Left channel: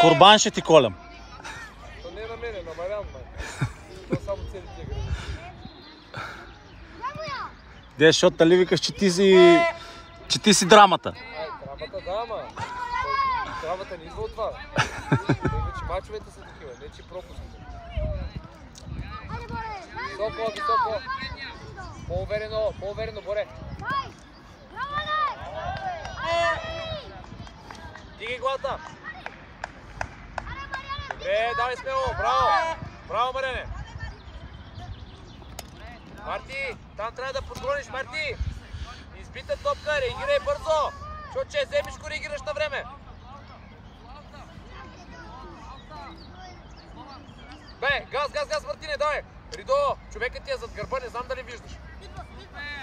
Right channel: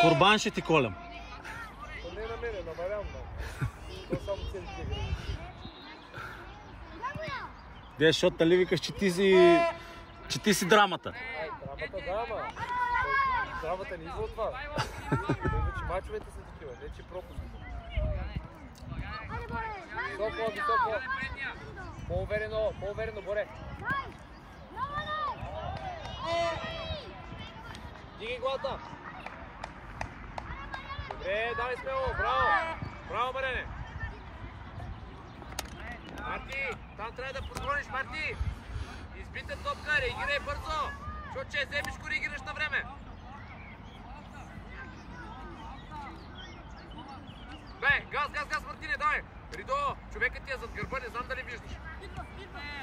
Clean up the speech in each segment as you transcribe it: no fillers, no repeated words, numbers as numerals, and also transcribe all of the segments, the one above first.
Курбан ще ти колям. Не на мене, на Мариан. Това само целите гради. Де, защото тали викаш, че ти си драмата. Драмата, да, ама. Драмата не идва от това. Вече мачовете са такива, не че пропуски. Високо, високо. По-уверено, Боре. Дигай главата. Добре, давай смело, браво! Браво, Марене! Марти, там трябва да подгониш, Марти! Избита топка, реагирай бързо! Защото че вземеш, го реагираш на време! Бе, газ, Мартине, давай! Ридо, човекът ти е зад гърба, не знам дали виждаш.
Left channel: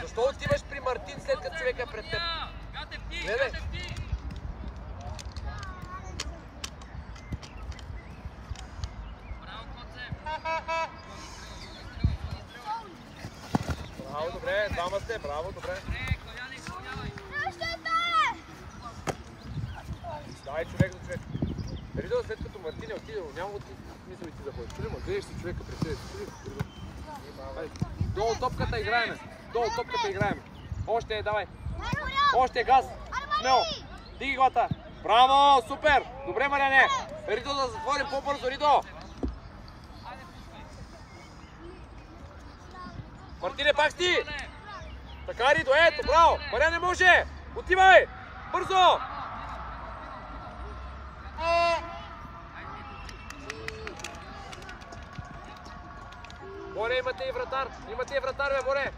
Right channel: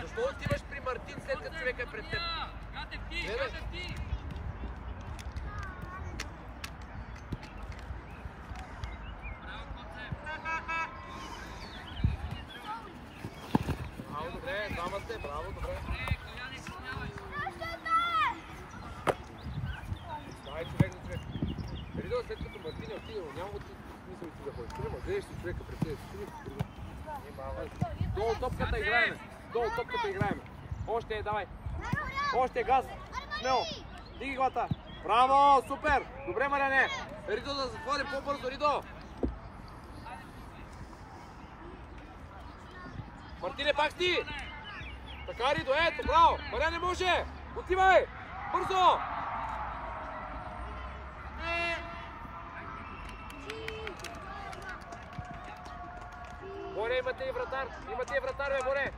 Защо отиваш при Мартин, след като човека е пред теб? Гледай! Браво, добре, двама сте, браво, добре. Дай човек за човек. Ридо, след като Мартин е отидел, няма го смисъл и ти да ходиш. Прямо, гледаш си човека пред себе си. Долу топката играеме. Още, давай. Още, газ. Смело. Диги главата. Браво, супер. Добре, Мариане. Ридо да затворим по-бързо, Ридо. Мартине, пак си! Така, Ридо, ето, браво! Мариан не може! Отивай! Бързо! Боре, имате и вратар! Имате и вратар, бе, Боре!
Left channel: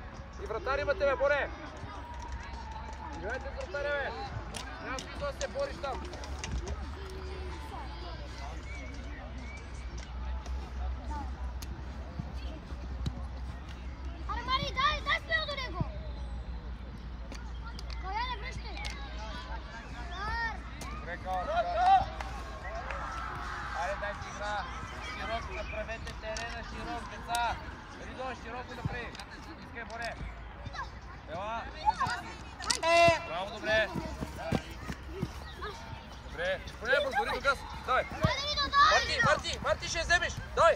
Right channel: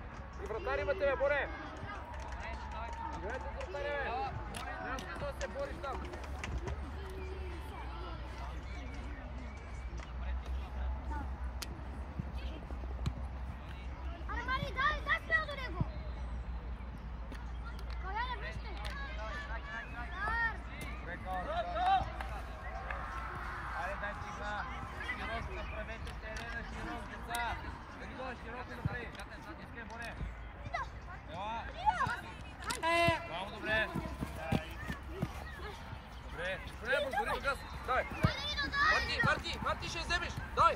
И вратар имате, бе, Боре! Играйте с вратаря, бе! Няма смисъл да се бориш там! Браво, добре! Добре! Добре, бързо, Ридо, газ! Давай! Марти, ще я вземеш! Давай!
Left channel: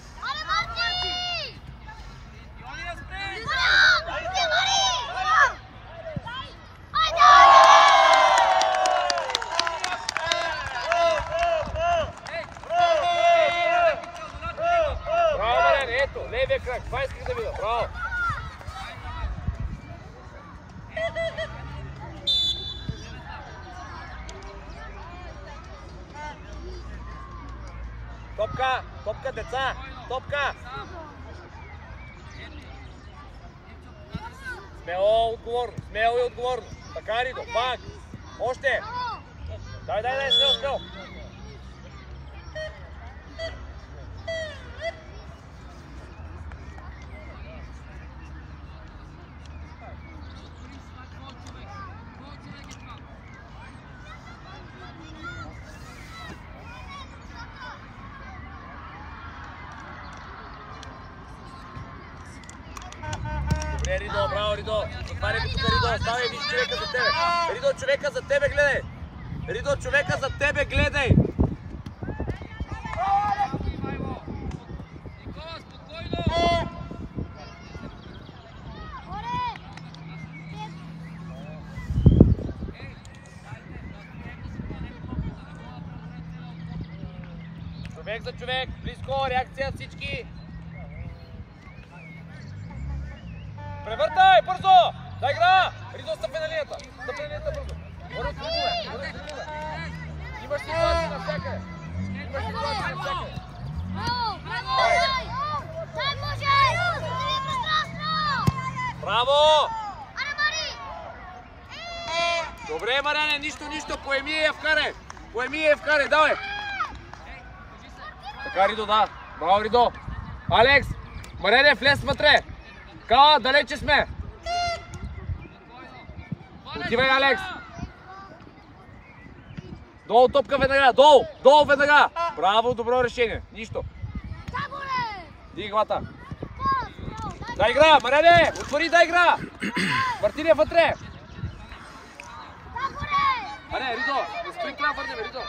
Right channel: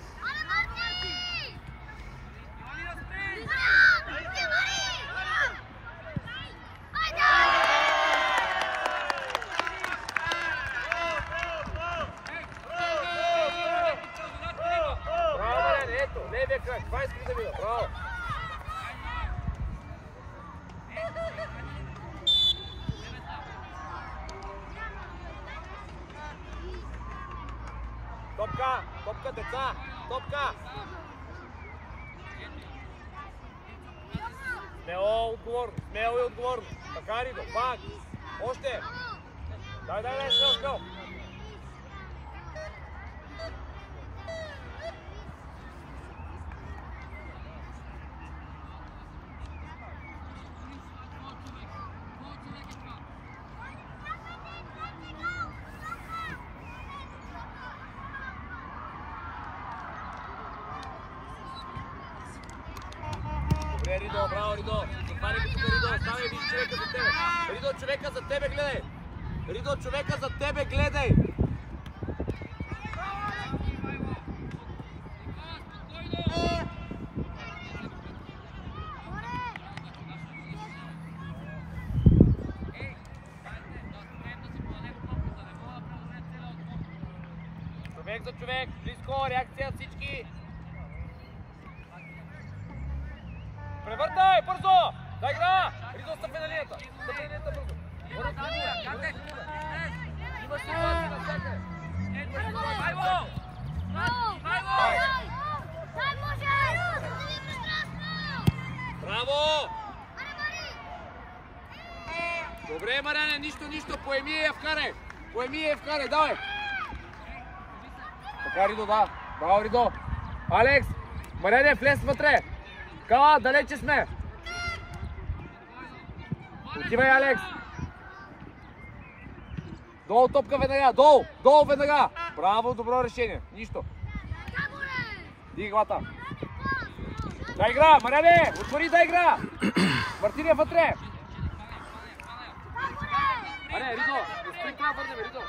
Браво, Мариан, ето, левия крак, това искаш да видя, браво! Топка, деца! Топка! Смело и отговорно! Така, Ридо, пак! Още! Дай, смело! Ридо, браво, Ридо! Затваряй ми тук, Ридо! Ставай, виж човека за тебе! Ридо, човека за тебе гледай! Ридо, човека за тебе гледай! Човек за човек, близко, реакция всички! Превъртай, бързо! Дай игра! Ридо, стъпи на линията! Бързо! Имаш ситуация на всяка! Браво! Добре, Марене, нищо, поеми и я вкарай. Поеми и я вкарай, давай. Така, Ридо, да. Браво, Ридо. Алекс, Марене, влез вътре. Кала, далече сме. Отивай, Алекс. Долу топка веднага, долу веднага. Браво, добро решение. Нищо. Ди главата. Да игра, Марене, отвори да игра. Мартин е вътре. Аре, Ридо, не спри това върнем, Ридо.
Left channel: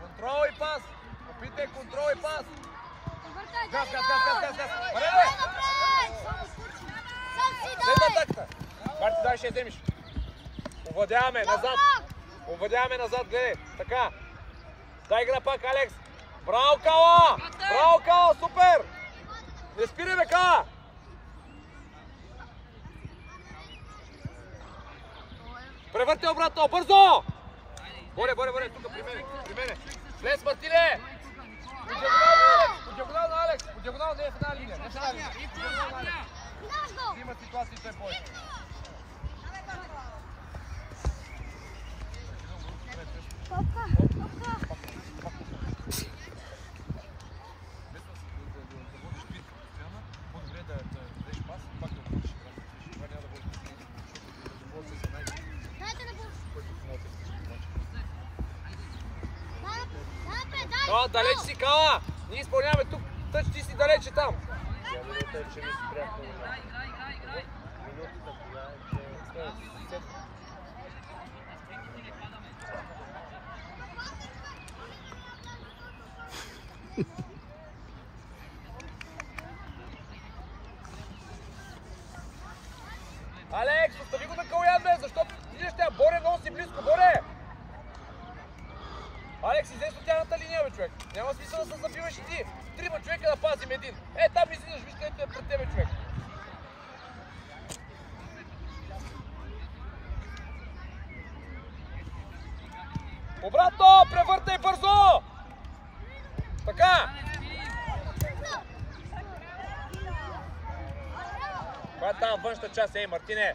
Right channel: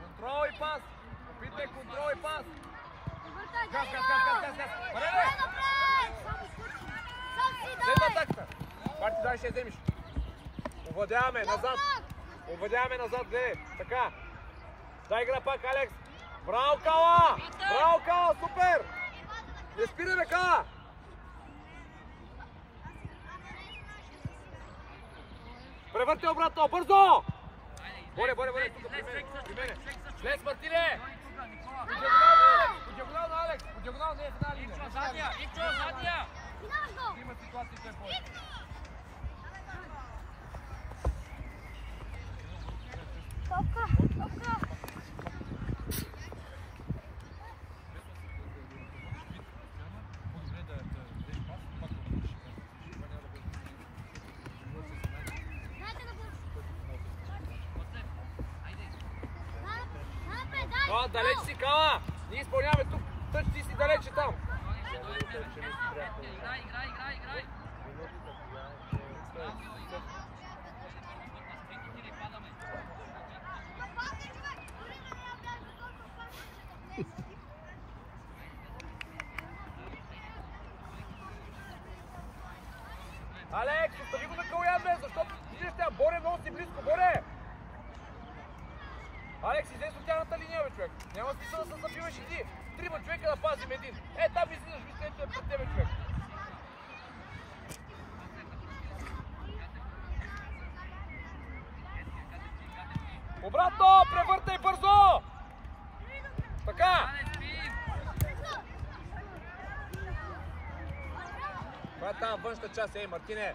Контрол и пас. Опитай контрол и пас. Газ. Аре! Следва такта. Как ти дай ще вземеш? Овладяваме назад, гледай. Така. Дай игра пак, Алекс. Браво, Кала, супер! Не спирай, бе, Кала! Превърти обратно, бързо! Боре, тук при мене. Влез, Мартине! По диагонално, Алекс! По диагонално, не е в една линия. Има ситуации, че е повече. Но, далеч си, Кала! Ние изпълняваме тук. Тъч, ти си далече там. Играй. Алекс, остави го на Калоян, защото виждаш тя, Боре, много си близко, Боре! Алекс, излез от тяхната линия, бе, човек. Няма смисъл да се забиваш и ти. Трима човека да пазим един. Там излизаш, виж където е пред тебе, човек. Обратно, превъртай бързо! Така! Това е там външната част, Мартине.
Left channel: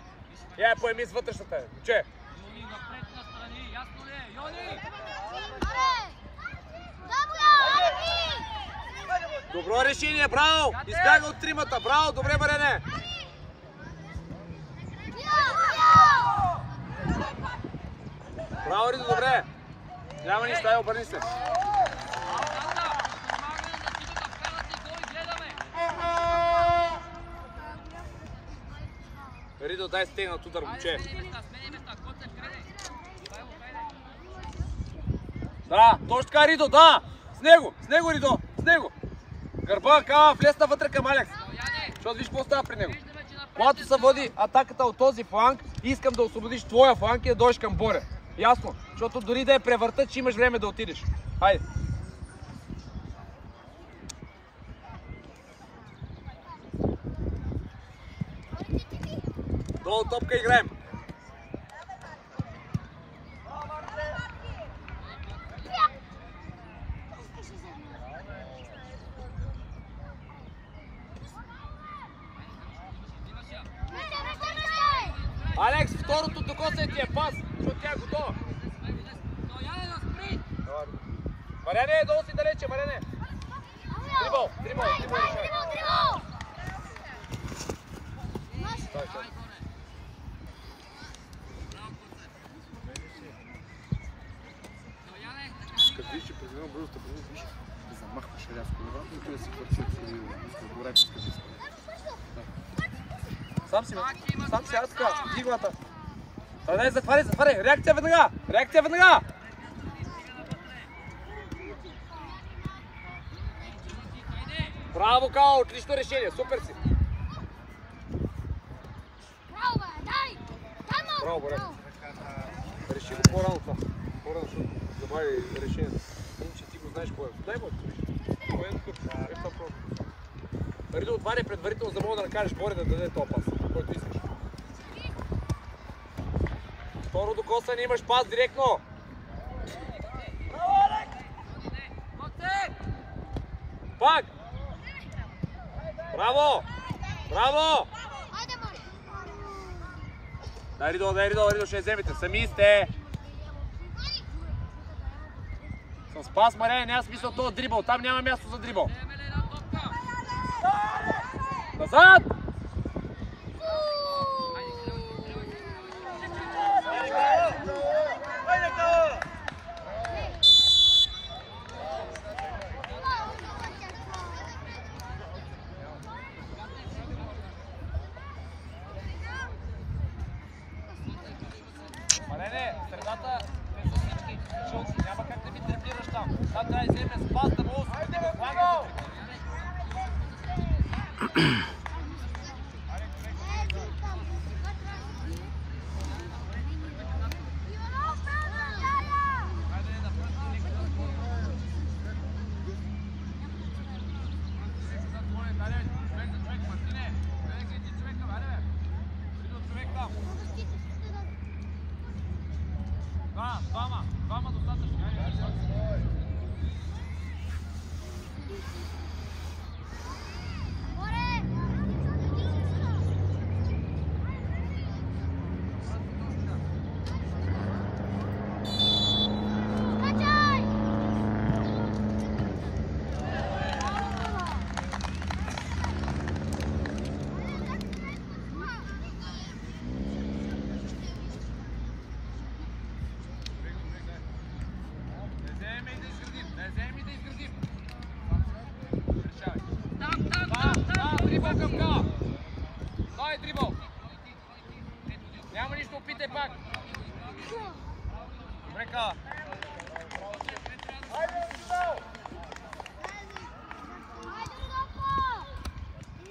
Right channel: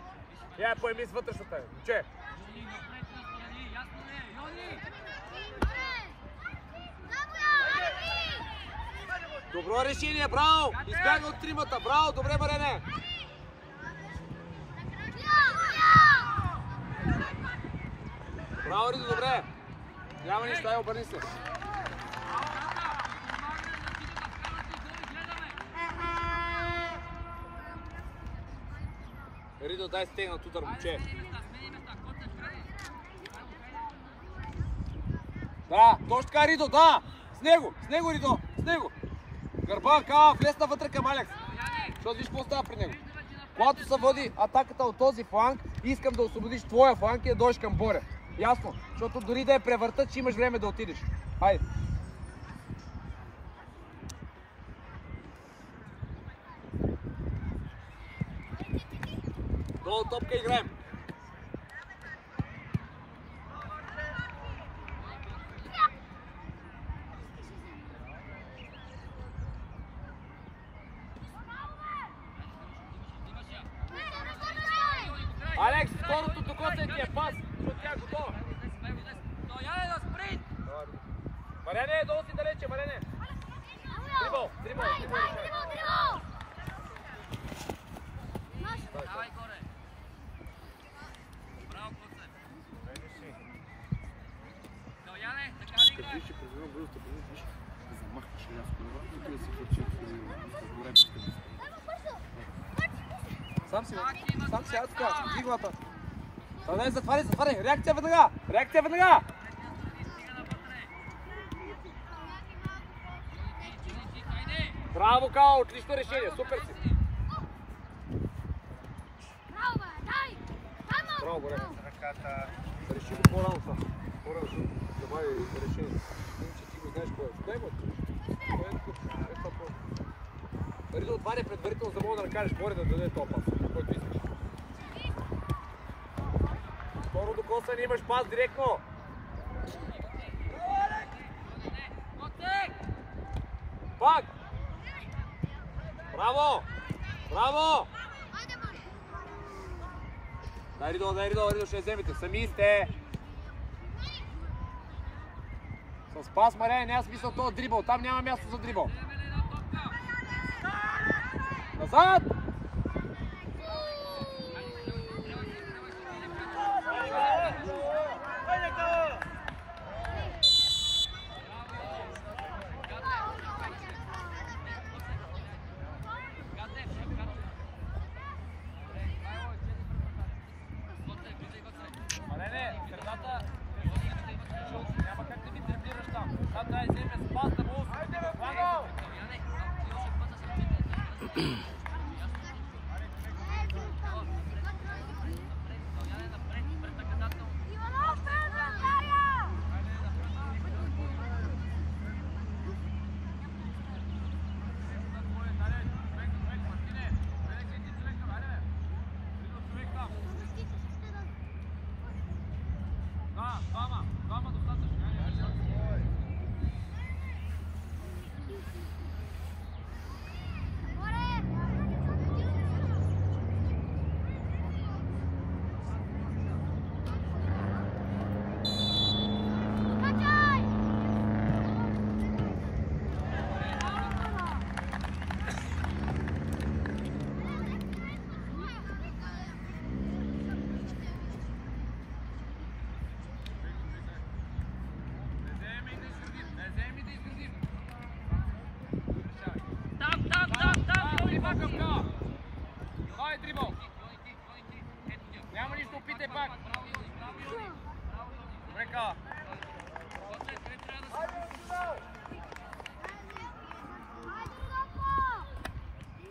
Я поеми с вътрешната, че? Добро решение, браво! Избяга от тримата, браво, добре, Марене! Браво, Ридо, добре! Няма нищо, дай, обърни се! Ридо, дай стегнат удар, момче! Да, точно така, Ридо, да! С него, Ридо, с него! Гърба, Кала, влезна вътре към Алекс. Защото виж какво става при него. Когато се води атаката от този фланг, искам да освободиш твоя фланг и да дойдеш към Боре. Ясно? Защото дори да е превъртът, че имаш време да отидеш. Хайде. Долу топка играем. Алекс, второто докосай ти е пас, защото тя е готова. Марене, долу си далече, Марене. Трибол решай. Като виж, че през едно бързо стъпване, виж, да замахваш една скорова и той да си хвърчи от гораческа мисля. Сам си, аз така, дигвата. Дай, затваряй, реакция веднага! Браво, Као, отлично решение, супер си! Браво, Боре! Реши го по-рано това, добави решението. Иначе ти го знаеш кой е. Дай го! Кой е такъв? Ридо, отваряй предварително, за да мога да накажеш Боре да даде този пас, който искаш. Второ докосване, имаш пас директно. Пак! Браво! Браво! Дай Ридо, ще я вземете. Сами сте! С пас, Маре, няма смисъл този дрибъл. Там няма място за дрибъл. Назад!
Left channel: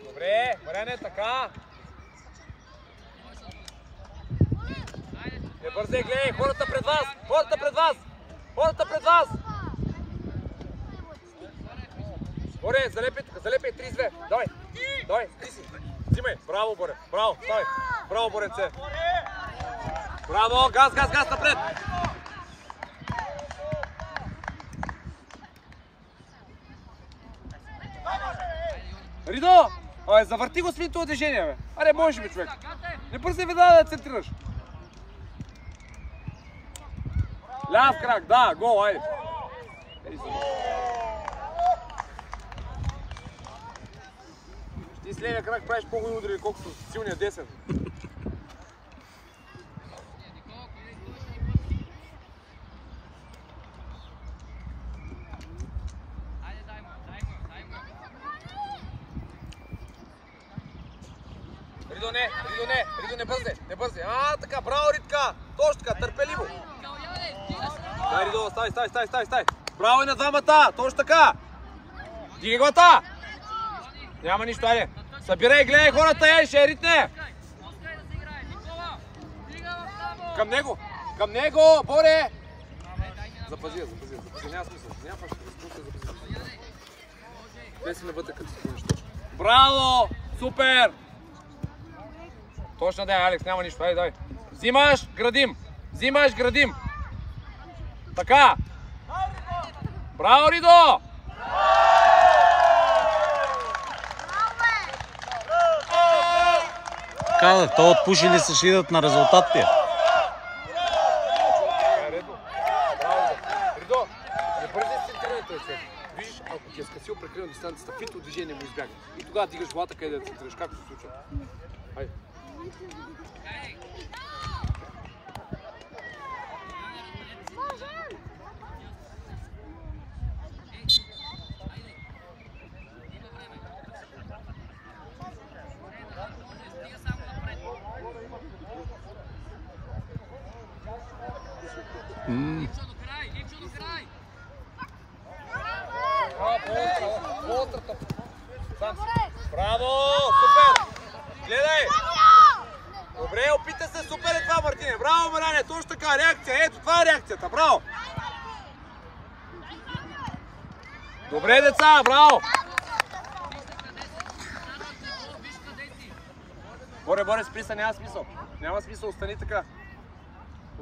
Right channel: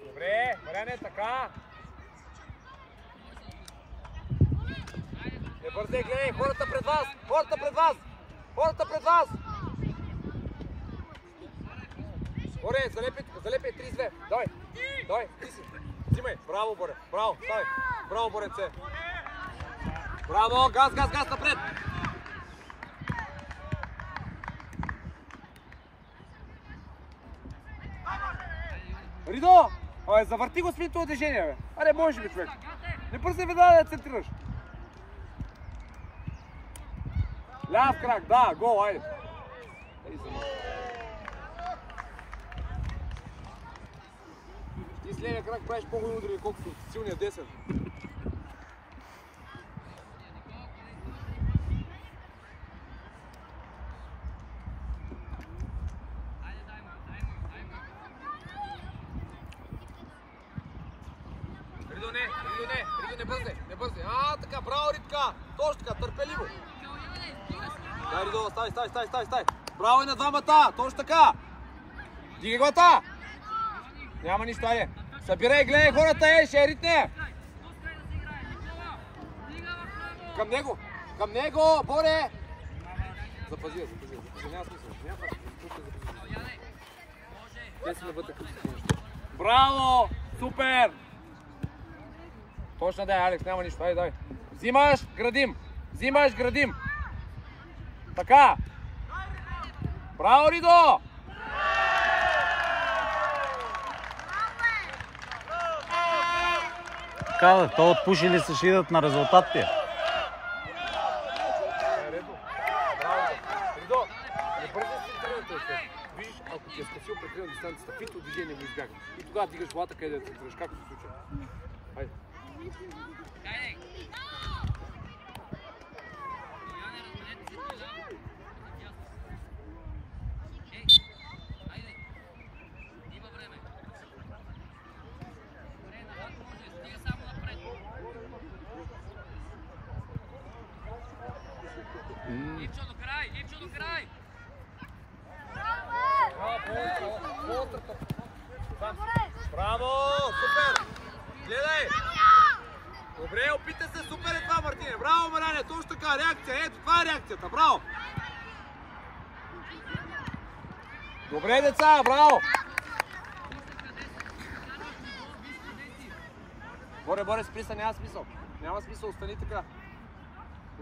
Добре, Марене, така. Не бързай, гледай, хората пред вас! Хората пред вас! Хората пред вас! Боре, залепай 32. Давай, ти си. Взимай. Браво, Боре. Браво, ставай. Браво, Боренце. Браво, газ напред. Ридо! Завърти го свинто движение, бе. Аре, можеш бе, човек. Не бързай веднага да центрираш. Ляв крак, да, гол, айде. Ти с левия крак правиш по-хубаво удари, колкото силния десен. Ридо, не бързай. Така, браво, Ритка. Точно така, търпеливо. Дай, Ридо, стай. Браво и на двамата, точно така. Дигай го та. Няма нищо, айде. Събирай, гледай хората, ще ритне. Към него, Боре. Запази, няма смисъл. Те си навътре като си. Браво, супер. Точно да е, Алекс, няма нищо. Дай. Взимаш, градим. Така. Браво, Ридо! Казах, то отпуши ли се, ще идат на резултатите? Ридо, не бързи си тренирате. Виж, ако ти е скъсил прекрил дистанцията, фито движение му избяга. И тогава дигаш главата къде да центрираш. Както се случва? Хайде. Браво! Супер! Гледай! Добре, опита се, супер е това, Мартине! Браво, Маляне! Точно така, реакция! Ето, това е реакцията! Браво! Добре, деца! Браво! Боре, спри се, няма смисъл. Няма смисъл, остани така.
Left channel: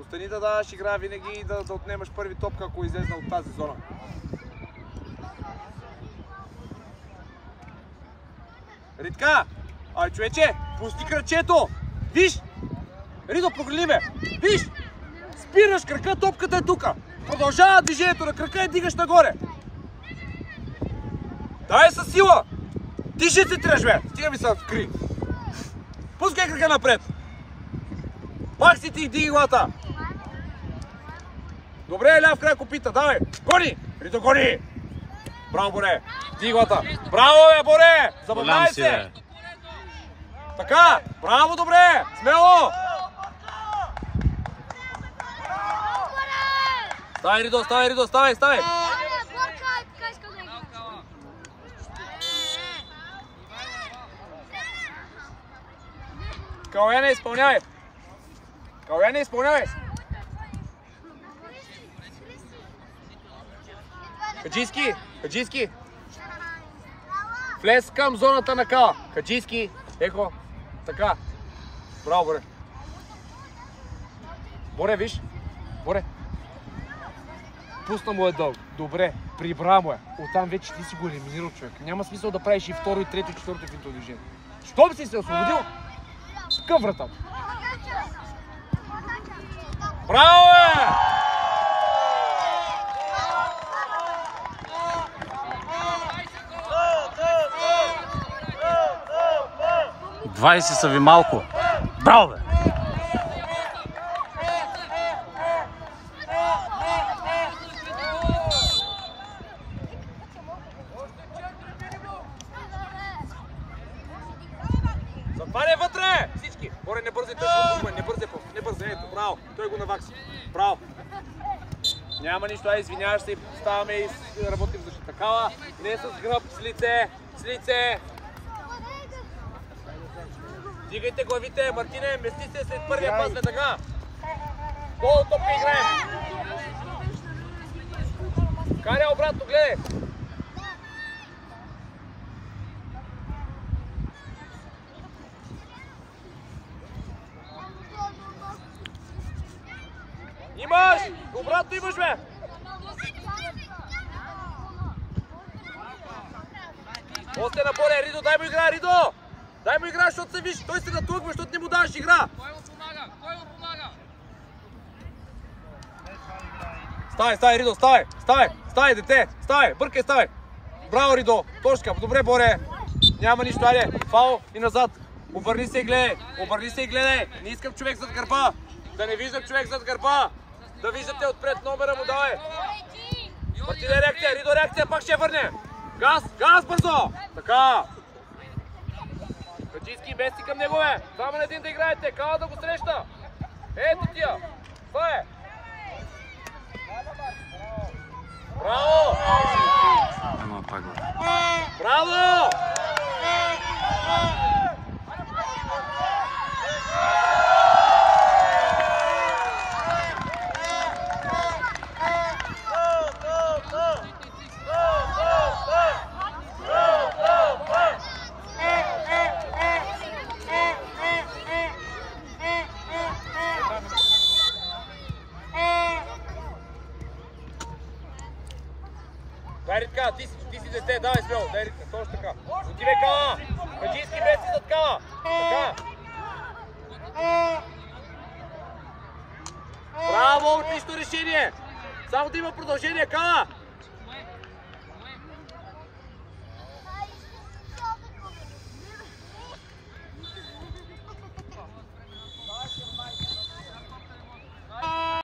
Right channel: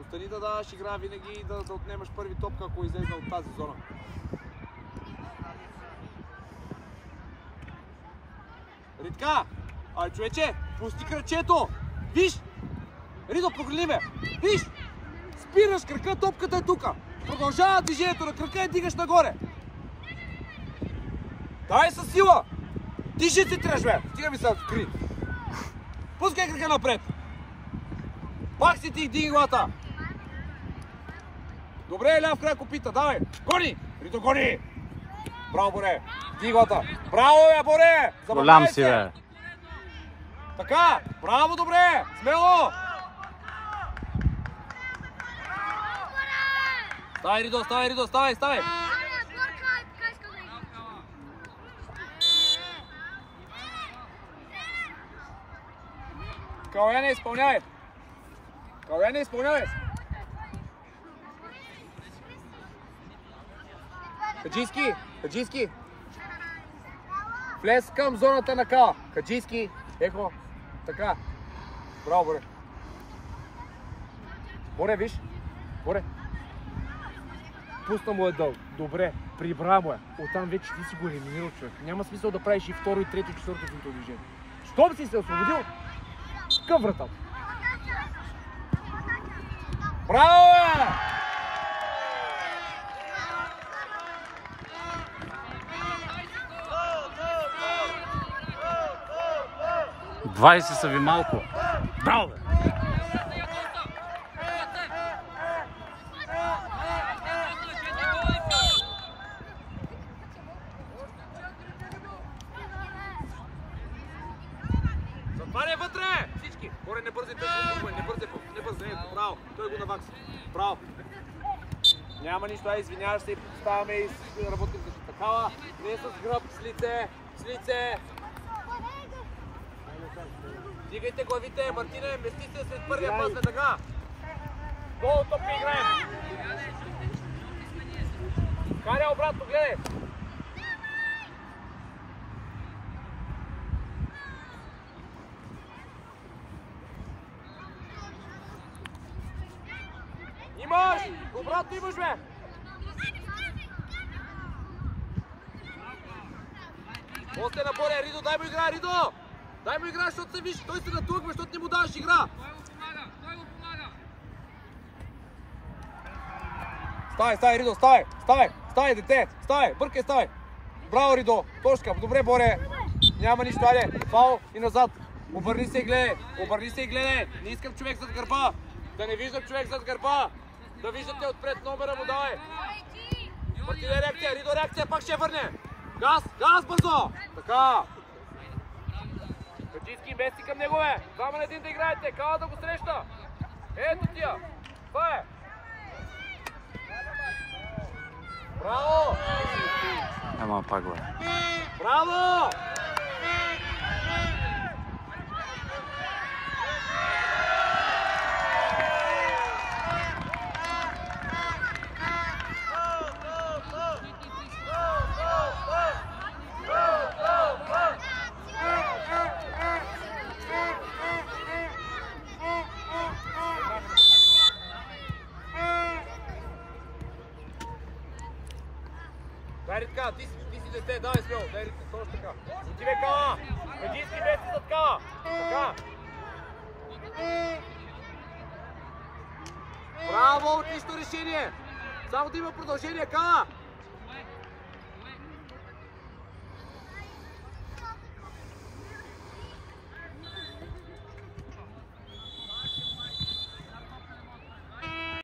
Остани да даваш игра винаги и да отнемаш първи топка, ако излезна от тази зона. Ритка! Ай, човече, пусти кръчето! Виж! Ридо, погледни ме! Виж! Спираш крака, топката е тука! Продължава движението на крака и дигаш нагоре! Давай със сила! Ти ще се треш, бе! Стига ми се вкри! Пускай крака напред! Пак си ти, диги главата! Добре, ляв крак опита, давай! Гони! Ридо, гони! Браво, Боре! Диги главата! Браво, бе, Боре! Забавляй се! Така! Браво, добре! Смело! Ставай, Ридо, ставай, Ридо, ставай, ставай! Калуяне, изпълнявай! Калуяне, изпълнявай! Хаджийски, Хаджийски! Влез към зоната на Кала. Хаджийски, ехо, така. Браво, Боре. Боре, виж. Боре. Пусна му е дълг. Добре, прибра му е. Оттам вече ти си го елиминирал, човек. Няма смисъл да правиш и второ, и трето, и четвърто финто движение. Щом си се освободил, към вратата. Браво, бе! 20 са ви малко. Браво, бе! Западай вътре! Всички! Боре, не бързай, не бързай, ето, браво! Той го навакси. Браво! Няма нищо, извиняваш се и ставаме и работим за такава. Не с гръб, с лице, с лице! Дигайте главите, Мартине, мести се след първия пас, след така. Долу топка играем. Каря обратно, гледай. Имаш! Обратно имаш, бе! Още наборе, Ридо, дай му игра, Ридо! Дай му игра, защото се виж, той се натлъгва, защото не му даваш игра. Ставай, Ридо, ставай, дете, ставай, бъркай, ставай. Браво, Ридо, точка, добре, Боре. Няма нищо, айде, фаул и назад. Обърни се и гледай, не искам човек зад гърба. Да не виждам човек зад гърба. Да виждате отпред номера му, давай. Мартине, реакция, Ридо, реакция, пак ще върне. Газ, бързо. Така. Хаджийски, мести към него, бе! Само на един да играете, Кала да го среща! Ето тия! Това е! Браво! Ема пак, бе. Браво! Дай, Ритка, ти си дете, давай смело, дай, Ритка, точно така. Отивай, Кала! Хаджийски, бе си зад Кала! Така! Браво, отлично решение! Само да има продължение, Кала!